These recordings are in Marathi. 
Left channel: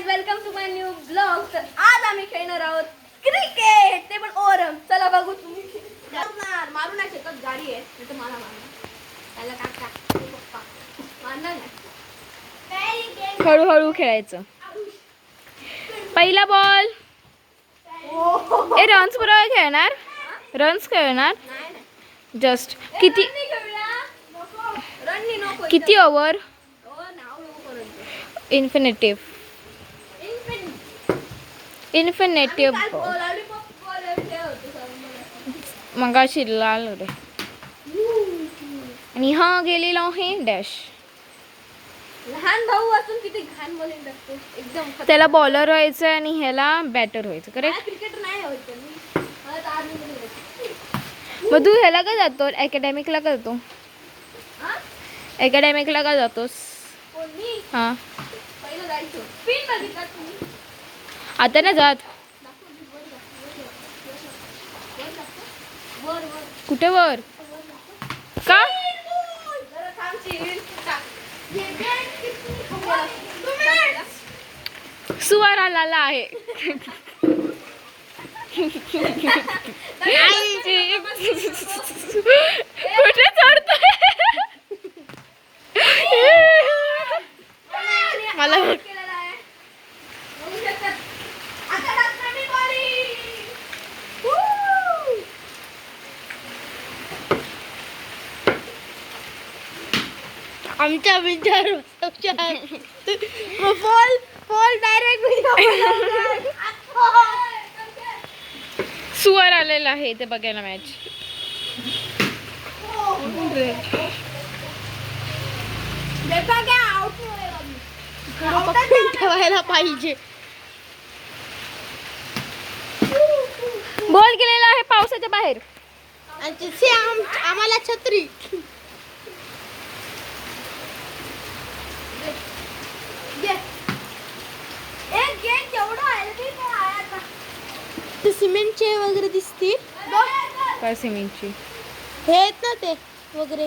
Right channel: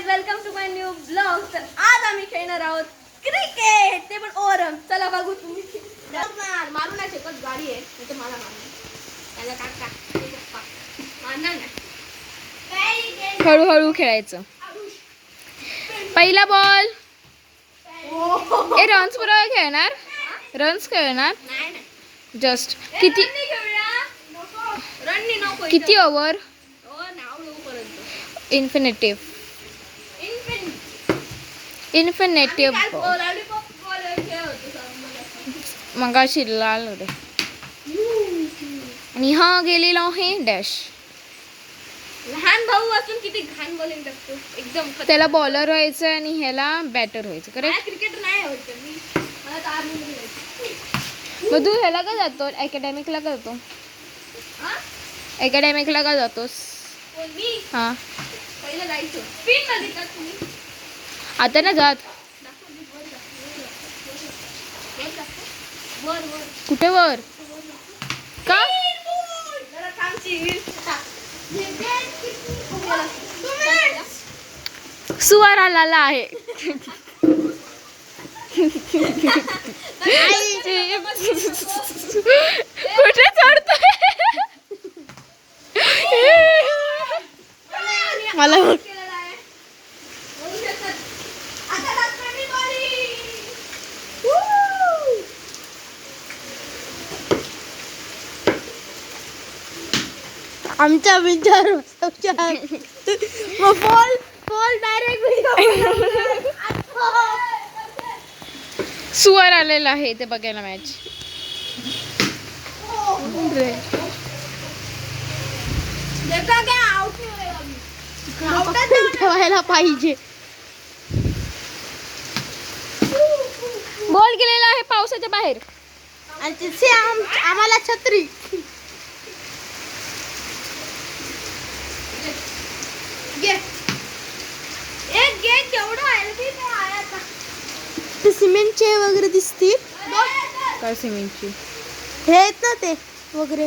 Guys, welcome to my new blog. तर आज आम्ही खेळणार आहोत क्रिकेट, ते पण ओरम. चला बघू. तुम्ही मारू नाही शकत, गाडी आहे नाही तर मला मारणार. त्याला काका पप्पा मारणार नाही. हळूहळू खेळायचं. पहिला बॉल. ए रन्स बरोबर खेळणार. रन्स खेळणार नाही नाही जस्ट. किती रननी नको. किती ओव्हर. नाव येऊ पर्यंत इन्फिनिटिव्ह. इन्फिनिटिव्ह मगाशी लाल रे. आणि हा गेलेला आहे डॅश. लहान भाऊ असून किती घाण बॉलिंग टाकतो. एकदम त्याला बॉलर व्हायचं आणि ह्याला बॅटर व्हायचं. करेक्ट. क्रिकेट नाही होत मी. मला तर आर्मी मध्ये मग तू ह्याला का जातो. अकॅडमिकला का जातो. अकॅडमिकला का जातोस. मी हा पहिलं जायचो. पिन मध्ये का तुम्ही आता ना जात. वर वर कुठे वर. का सुवार आलेला आहे. कुठे चढतोय. मला आमच्या विचार बॉल बॉल डायरेक्ट सुवार आलेला आहे ते बघायला मॅच. ठेवायला पाहिजे. बॉल गेलेला आहे पावसाच्या बाहेर. आम्हाला छत्री. ते सिमेंटचे वगैरे दिसतील. काय सिमेंटची. हे आहेत ना ते वगैरे.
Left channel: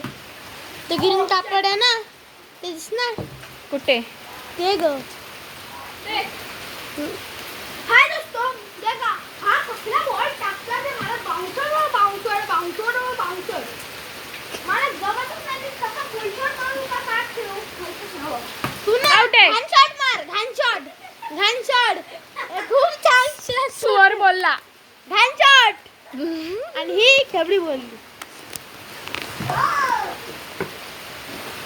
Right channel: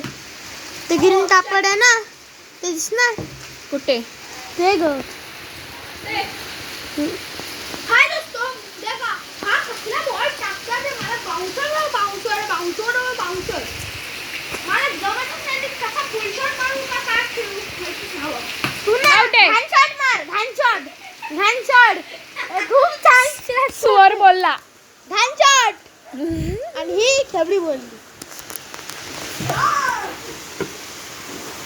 ते ग्रीन कापड आहे ना ते दिसणार. कुठे. ते ग हाय दोस्तों, देखा हा कसला बॉल टाकला ते. मला बाउन्सर बाउन्सर बाउन्सर बाउन्सर मला जमतच नाही. ते कसा फुल शॉट मारू का काय खेळू माहितीच नाही. आउट आहे. घाण शॉट मार. घाण शॉट घाण शॉट खूप छान. सुवार बोलला घाण शॉट आणि ही ठेबडी बोलली.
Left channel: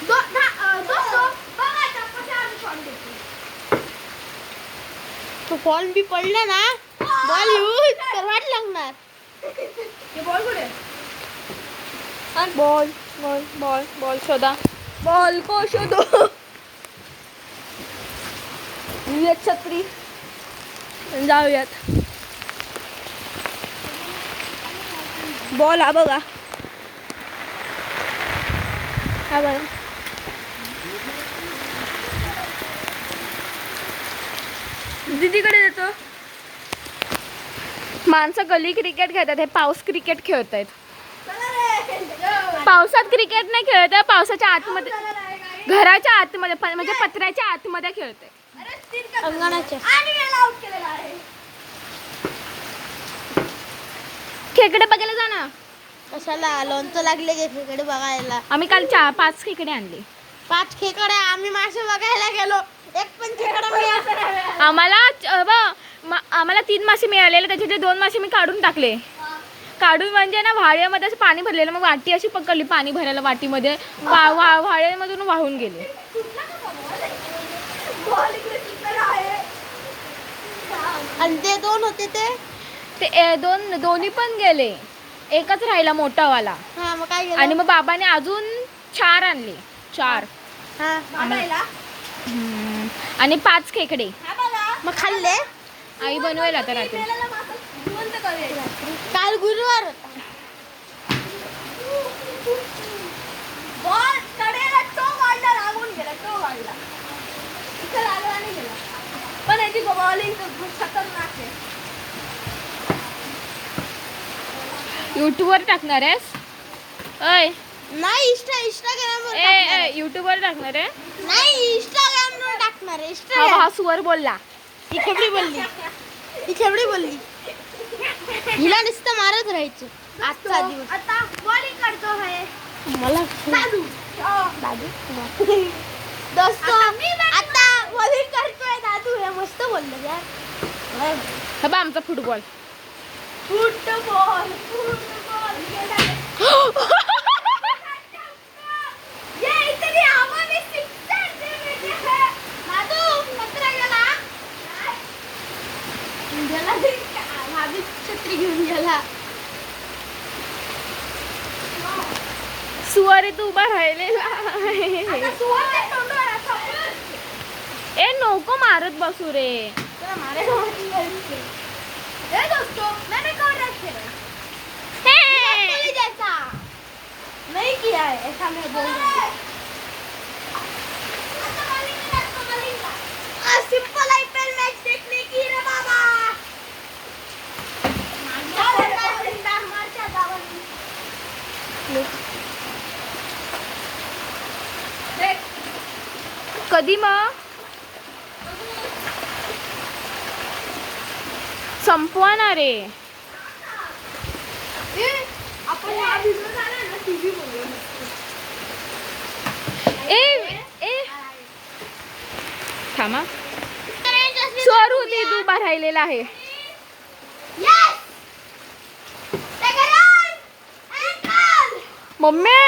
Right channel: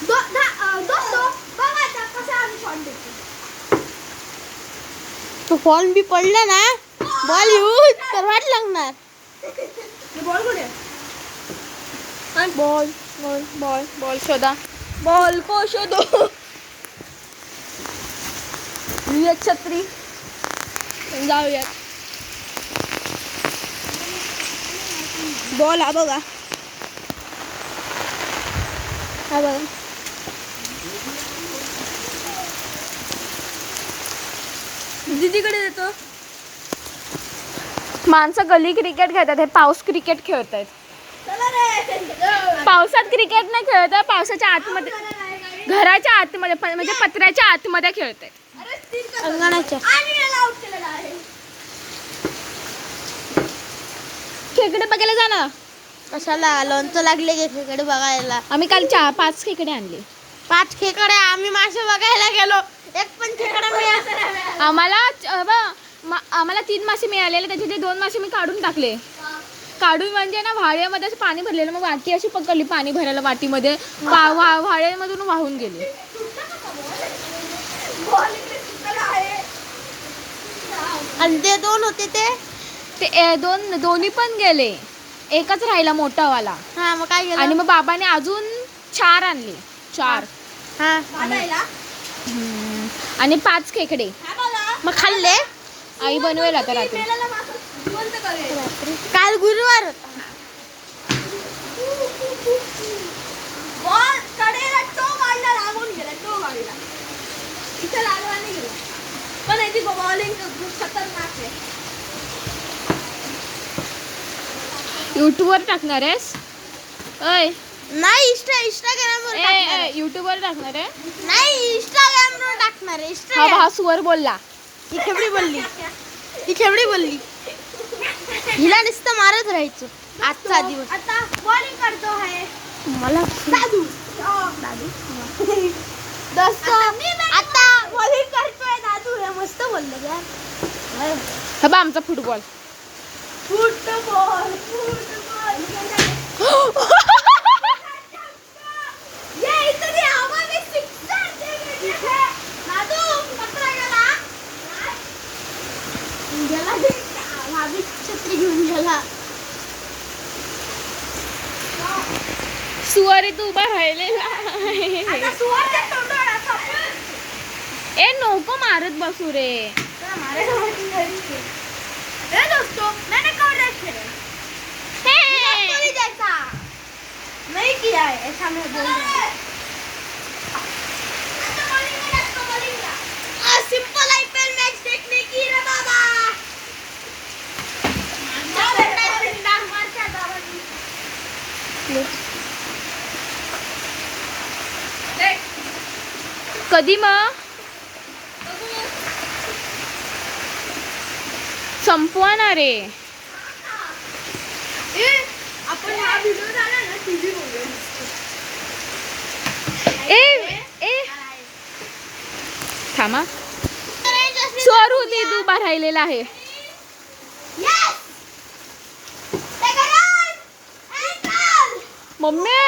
दोस्तों बघा आता कसा आम्ही शॉट देतो. तो फॉल बी पडला ना बॉल येऊ तर वाट लागणार. बॉल कुठे. बॉल बॉल बॉल बॉल शोधा. बॉल को शोधो. ये छत्री जाऊयात. बॉल हा बघा. हा बघा. दीदीकडे देतो. माणसं गली क्रिकेट खेळतात. हे पाऊस क्रिकेट खेळत आहेत. पावसात क्रिकेट नाही खेळत आहे. पावसाच्या आतमध्ये घराच्या आतमध्ये म्हणजे पत्र्याच्या आतमध्ये खेळत आहेत. अंगणाच्या खेकडे बघायला जा ना. कशाला लोणचं लागले खेकडे बघायला. आम्ही काल 5 खेकडे आणले. 5 खेकडे. आम्ही मासे बघायला गेलो. एक पण खेकडे मिळाला. आम्हाला 3 मासे मिळालेले. त्याचे 2 मासे मी काढून टाकले. काढून म्हणजे ना व्हाळ्यामध्ये असं पाणी भरलेलं. मग वाटी अशी पकडली पाणी भरायला वाटीमध्ये. व्हाळ्यामधून वाहून गेले. आणि ते 2 होते ते दोन्ही पण गेले. एकच राहिला मोठावाला. हा मग काय आणि मग बाबाने अजून 4 आणले. 4 आणि 5 खेकडे. मग खाल्ले. आई बनवेल आता रात्री. काल गुरुवार. बॉल कडेला टो मारला. लागून गेला. टो मारला इथं लागला नाही गेला. पण याची बॉलिंग खतरनाक आहे. युट्यूबवर टाकणार आहेस. अय नाही इंस्टाग्राम युट्यूबवर टाकणार आहे. नाही इंस्टाग्राम वर टाकणार आहे. हा सुवर बोलला. ही खेबडी बोलली हिला नुसतं मारत राहायचं आजचा दिवस. आता बॉलिंग करतो आहे मला दादू दोस्त आता बॉलिंग करतोय दादू. हे मस्त बोललं यार. हा बा आमचा फुटबॉल. फुटबॉल ये इतनी हवा में सिक्सर दे रही है दादू. पत्रा गेला भाभी छत्री घेऊन गेला. सुवारी तू उभा राहिलेला आहे. आता सुवारच्या तोंडावर असं ए नको मारत बसू रे. दोस्तों मैंने कवर खेला हे. जैसा नहीं किया है ऐसा मैं बोल रहा हूँ. सिंपल आईपीएल मैच देखने की रे बाबा. कधी मग संपवणार रे. आपण हा व्हिडिओ झाला ना टीव्ही बोलूया. ए थांबा. स्वरू ते तू उभा राहिलेला आहे. मम्मी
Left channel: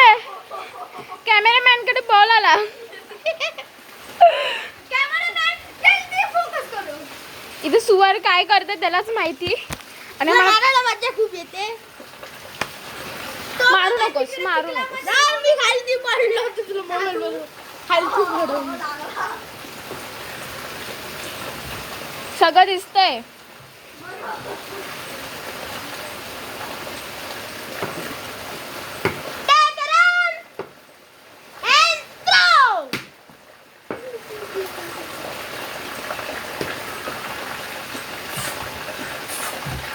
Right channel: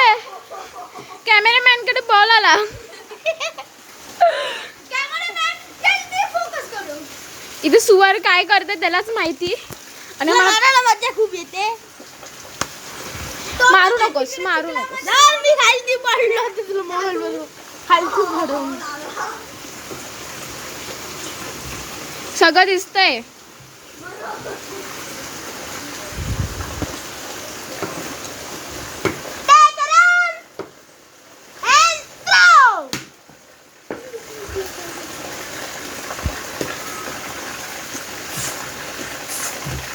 कॅमेरामॅन कडे बॉल आला. इथे सुवार काय करते त्यालाच माहिती. आणि मला मजा खूप येते. मारू नकोस. मी खालती पडलो तुला खालती पडून सगळं दिसतंय.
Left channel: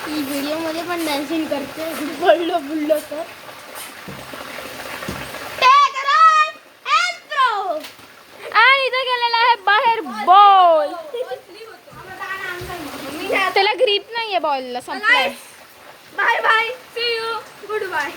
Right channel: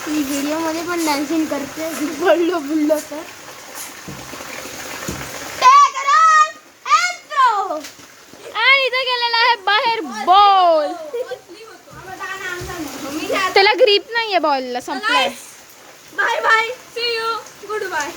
व्हिडिओ मध्ये पण डान्सिंग करते बुडलो तर. आणि इथं गेलेला आहे बाहेर बॉल. त्याला ग्रीप नाहीये बॉलला. संपलाय. Bye bye see you good bye.